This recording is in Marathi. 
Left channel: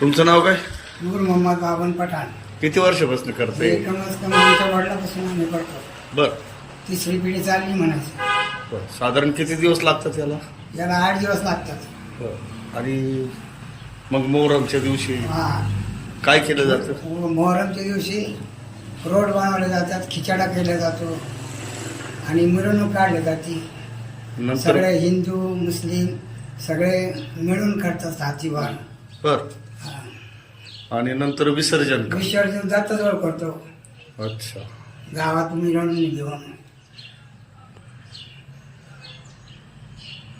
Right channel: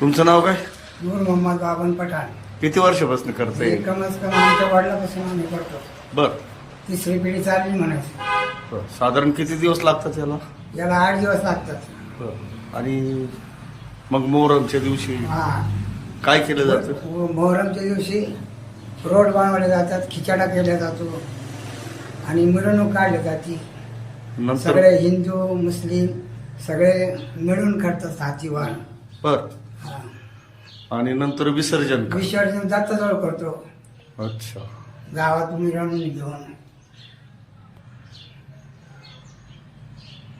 तुमचं नाव काय? नूर मोहम्मद बाबन पठाण. किती वर्षापासून करतोय? कमीत कम आमच्या वडिलापासून आम्ही करतो. बर. तिसरी पिढी चालली म्हणायची. बर. साधारण किती दिवस लागतात याला? याला आठ दिवस लागतात. बर. आणि मग मोहरमच्या दिवशी हा. काय केलं जातं? मोहरमच्या दिवशी रोड बनवले जातात खिचडा केला जातो आणि मिरवणूक काढली जाते. नंतर? सगळे हिंदू मुस्लिम सगळे मिळून करतात हातीवार. बर. आणि नंतर विसर्जन का? विसर्जन दत्तजवळ करतो. अच्छा. गावात मिरवणूक घेऊन.